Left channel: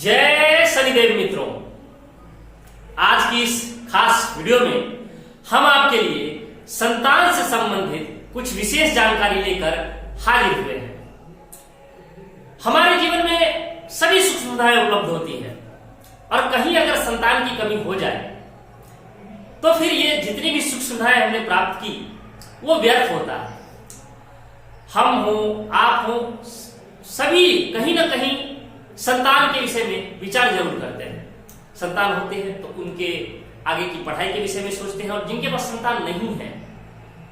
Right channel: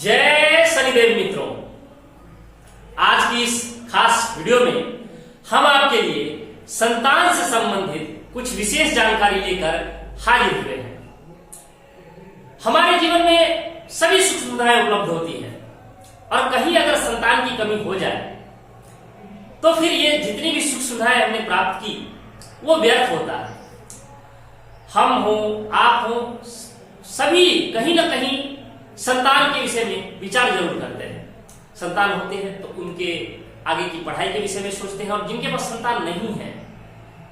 जय शनिदेव मित्रों, आज की इस खास वीडियो में हम आपके लिए संतान से संबंधित कुछ विशेष जानकारी लेकर हाजिर हुए हैं। हमारे जीवन में सभी सुख सुविधाएं उपलब्ध होती है और कहीं अगर संतान की कमी हो जाए तो फिर ये जितनी भी सुख सुविधाएं हमने प्राप्त की वो व्यर्थ होता है। हम हो, आप हो, सभी कहीं ना कहीं संतान के विषय में विचार जरूर करते हैं। संतान होते हैं तो उनके आगे की पढ़ाई के विषय में सोचते हैं और जिनके पास संतान नहीं है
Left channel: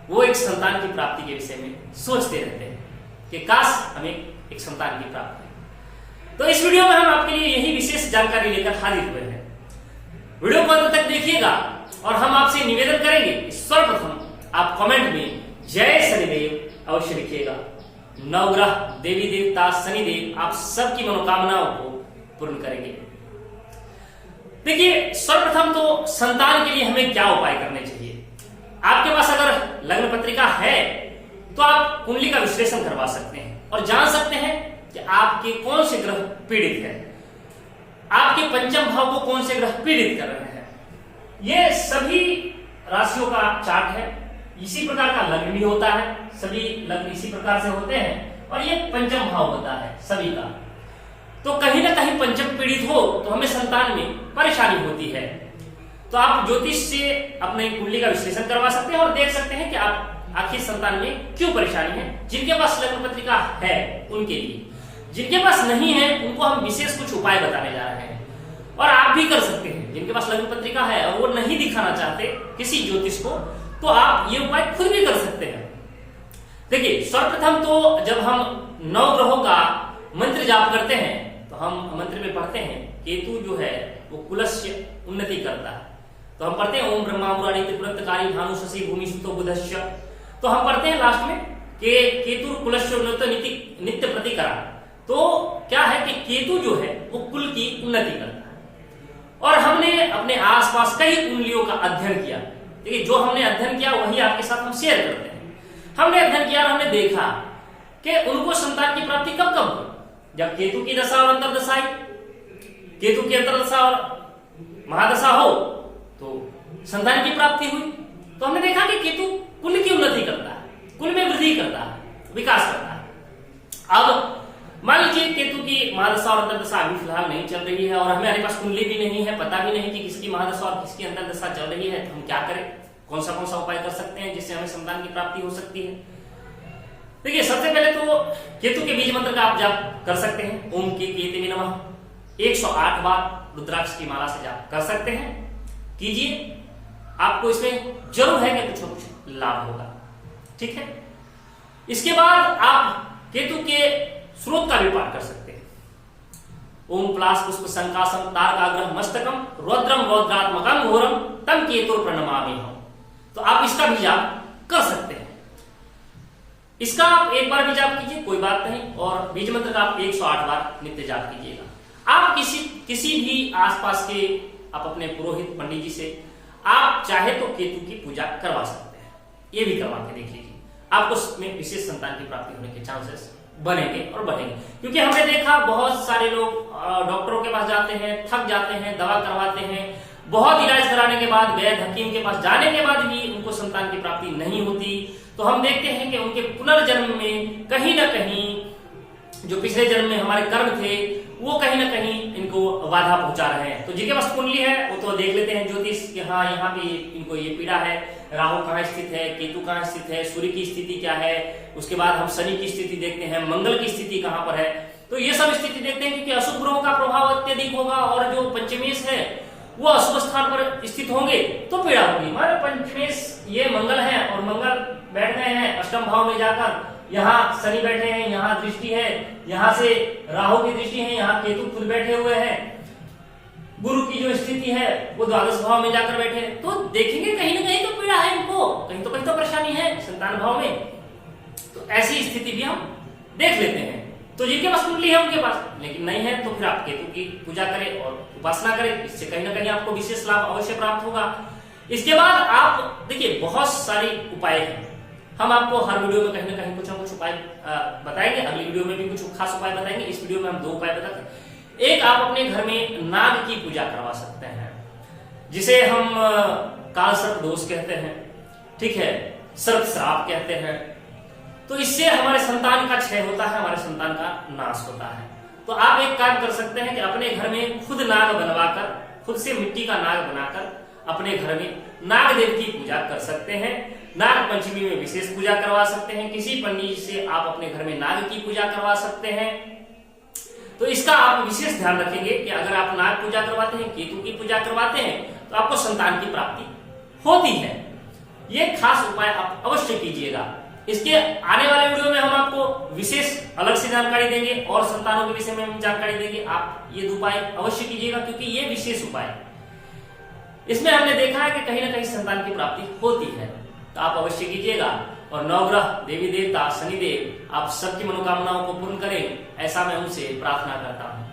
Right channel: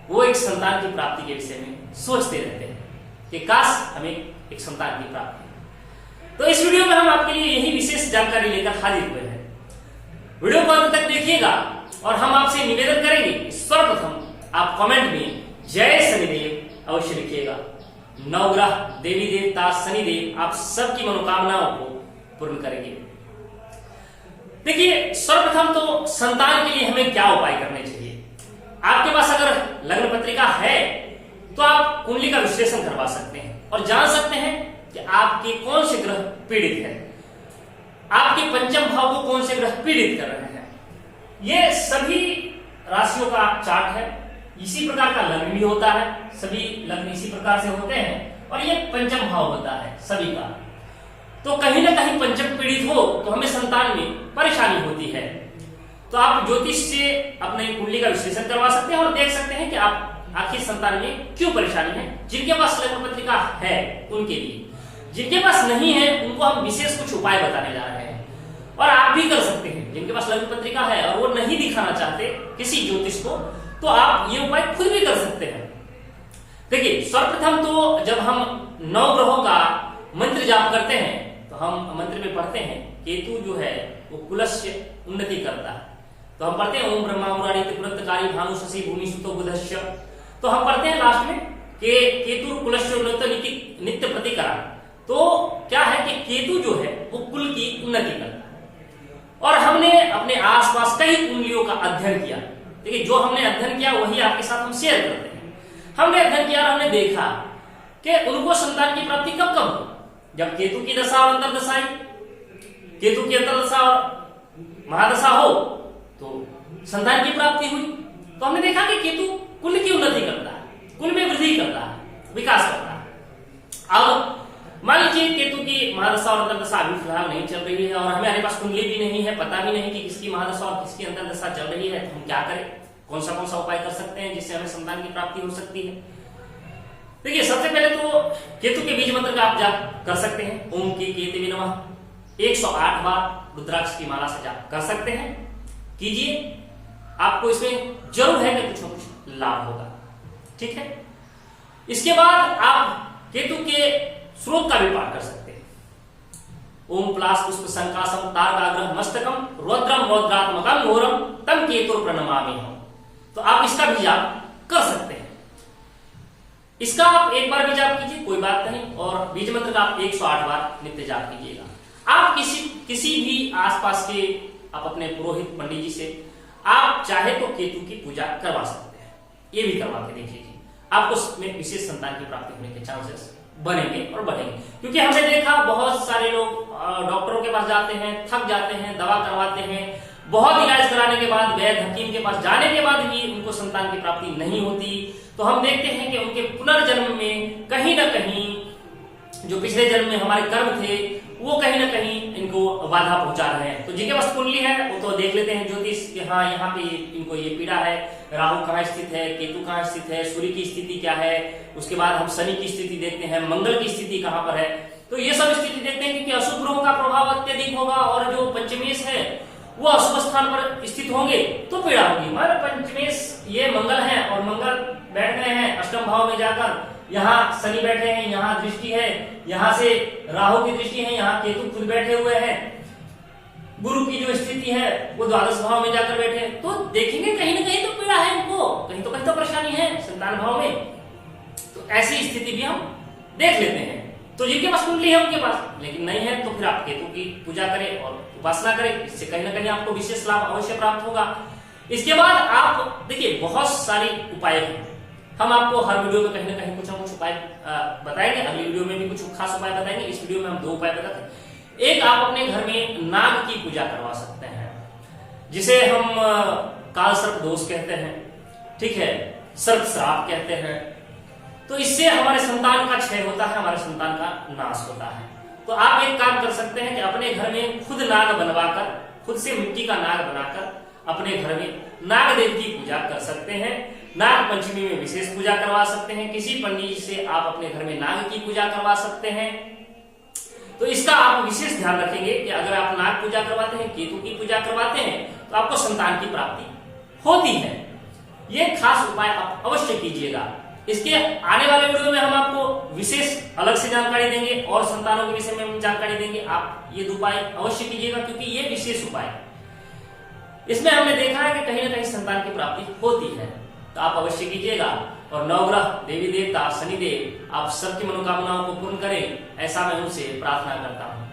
वो एक संतान की प्राप्ति के विषय में सोचते रहते हैं कि काश हमें एक संतान की प्राप्ति। तो इस वीडियो में हम आपके लिए यही विशेष जानकारी लेकर हाजिर हुए हैं। वीडियो को अंत तक देखिएगा और हम आपसे निवेदन करेंगे, सर्वप्रथम आप कमेंट में जय शनिदेव अवश्य लिखिएगा। नवग्रह देवी देवता शनिदेव आप सबकी मनोकामनाओं को पूर्ण करेंगे। देखिए, सर्वप्रथम तो संतान के लिए हमें क्या उपाय करने चाहिए। आपके पास अगर लग्न पत्रिका है तो आप कुंडली का विश्लेषण करवा सकते हैं और जान सकते हैं कि आपके कौन से ग्रह पीड़ित हैं, आपके पंचम भाव को कौन से ग्रह पीड़ित कर रहे हैं। ये सभी राशियों का चार्ट है। इसी प्रकार का लग्न भी होता है, सभी लग्न इसी प्रकार से होते हैं और ये पंचम भाव होता है सभी का। तो कहीं ना कहीं पंचम पीड़ित हो तो हमें संतान में परेशानी होती है। तो आप ज्योतिष से अपने कुंडली का विश्लेषण करवा सकते हैं और देख सकते हैं कि आप आखिर संतान में क्यों परेशानी है। जिनके पास लग्न पत्रिका है उनके लिए, जिनके पास नहीं है उनको हम विशेष कुछ उपाय बताने जा रहे हैं और आप भी कर सकते हैं। जिनके पास लग्न पत्रिका है और वो नहीं दिखाना चाहते किसी ज्योतिष को तो आप ये उपाय खुद भी कर सकते हैं। देखिए, सर्वप्रथम तो जब हम 9 ग्रहों का मंत्र जाप करते हैं तो हम मंत्र में पढ़ते हैं केतु जो है वो कुलस्य उन्नति करता है। तो हम पढ़ते हैं ओम ब्रह्मा मुरारी त्रिपुरंतकारी भानु शशि भूमि सुतो बुधश्च। तो हम पढ़ते हैं लास्ट में कि केतु कुलस्य उन्नत नित्य प्रतिकरा। तो क्या है कि केतु जो है वो कुल की उन्नति करता है। और हमने अपने आसपास कई कुंडलियों का अध्ययन किया। देखिए, जो हमने अध्ययन किया वही आपके साथ हम शेयर करते हैं। हमने अध्ययन किया और हमने देखा कि उनको संतान की प्राप्ति कब कब हुई। जब केतु की दशा और अंतरदशा आई, केतु की अंतरदशा और महादशा हो तो संतान की प्राप्ति हुई। तो हमने देखा कि केतु कुल की उन्नति करता है, कुल में वृद्धि करता है, विकास करता है। अब मान लीजिए केतु की महादशा और अंतरदशा अभी फिलहाल नहीं चल रही है और हमारे पास कुंडली भी नहीं है, पता भी नहीं कि किसकी महादशा और किसकी अंतरदशा चल रही है। तो हम क्या करें, कौन सा उपाय कर सकते हैं जिससे हमें संतान की प्राप्ति हो सकती है। देखिए, सबसे पहले तो केतु के बीज मंत्र का आप जाप कर सकते हैं। ओम के केतवे नमः 108 बार रुद्राक्ष की माला से जाप कर सकते हैं। कीजिए, आपको इसमें जरूर है कि कुछ न कुछ लाभ होगा। ठीक है। इसके बाद आप केतु के स्रोत का भी पाठ कर सकते हैं। ओम प्लास पुष्प संकासम तारकाग्रह मस्तकम रौद्रम रौद्रात्मकम घोरम तम केतुर प्रणमामि हम। तो आप इसका भी जाप कर सकते हैं। इसका आप एक बार भी जाप कीजिए, कोई बात नहीं। और बीज मंत्र का आप 108 बार नित्य जाप कीजिएगा। आप किसी भी आसपास के आप अपने पुरोहित पंडित जी से आप चाहे तो केतु की पूजा करवा सकते हैं। ये भी करवा के देखिए, आपको इसमें विशेष संतान की प्राप्ति होने के चांसेस बनेंगे और बढ़ेंगे। क्योंकि हमने देखा बहुत सारे लोग डॉक्टरों के पास जाते हैं, थक जाते हैं, दवा करवाते हैं, बहुत इलाज कराने के बाद, वैद्य हकीम के पास जाने के बाद भी उनको संतान की प्राप्ति नहीं होती। तो हम देखते हैं कि उनके पुनर्जन्म में कहीं ना कहीं जो पिछले जन्म में हमारे कर्म थे वो कहीं ना कहीं इनको बाधा पहुंचा रहे हैं। तो जिनके पास कुंडली है वो तो देख लेते हैं ज्योतिष कि हाँ यहाँ पे इनको ये पीड़ा है, राहु कहाँ स्थित है, केतु कहाँ स्थित है, सूर्य की स्थिति क्या है। उसके बाद हम शनि की स्थिति देखते हैं, मंगल की स्थिति कहाँ पर है। तो ये सब स्थिति देखते हैं क्योंकि अशुभ ग्रहों का प्रभाव अत्यधिक होगा और जो पंचमेश है वो अशुभ स्थान पर स्थित होंगे तो पीड़ा होगी। हमारे पंचमेश ये मंगल है और मंगल बैठ गए हैं अष्टम भाव में जाकर, यहाँ शनि बैठे हैं, यहाँ दृष्टि है, यहाँ से राहु की दृष्टि है, यहाँ केतु खुद बैठे हुए हैं, गुरु की जो स्थिति है वो द्वादश भाव में जाकर बैठे हैं। तो देखेंगे कहीं ना कहीं तो पीड़ा है इनको, कहीं तो परेशानी है संतान भाव में। तो ऐसी स्थिति भी हम देख लेते हैं। तो जिनके पास कुंडली है उनके पास, लेकिन नहीं है तो फिर आप केतु की पूजा करें और उपासना करें। इससे कहीं ना कहीं आपको विशेष लाभ अवश्य प्राप्त होगा। इसके बाद आप देखिए, बहुत सारे उपाय हैं। हम आपको हर वीडियो में कहीं ना कहीं कुछ ना कुछ उपाय बताएंगे। अगली वीडियो में भी कुछ खास उपाय बताएंगे। इस वीडियो में हम 2 उपाय बताते हैं। एक आप अपने घर में नाग की पूजा करवा सकते हैं, जिसे हम काल सर्प दोष कहते हैं, ठीक है, सर्प श्राप कहते हैं। तो इससे हमारे संतान का क्षय होता है, हमारे संतान का नाश होता है। तो आप एक काम कर सकते हैं कि अपने घर में खुद नाग बनवाकर, खुद से मिट्टी का नाग बनाकर अपने घर में नाग देव की पूजा कर सकते हैं। नाग पंचमी में विशेष पूजा करवा सकते हैं। किसी पंडित जी से आप अपने घर में नाग की पूजा करवा सकते हैं। तो इसका आप विशेष ध्यान रखेंगे कि अगर आप नाग पूजा करवाते हैं, केतु की पूजा करवाते हैं, तो आपको संतान की प्राप्ति होती है। ये खास उपाय आप अवश्य कीजिएगा। इसके आने वाले वीडियो में हम आपको विशेष अलग से जानकारी देंगे और संतानों के विषय में हम जानकारी देंगे। आप ये उपाय अवश्य कीजिएगा, क्योंकि ये विशेष उपाय, इसमें हमने देखा है कि कहीं ना कहीं संतान की प्राप्ति होती है। तो आप अवश्य कीजिएगा। और नवग्रह, देवी देवता, शनिदेव आप सबकी मनोकामनाओं को पूर्ण करें, ऐसा मैं उनसे प्रार्थना करता हूं।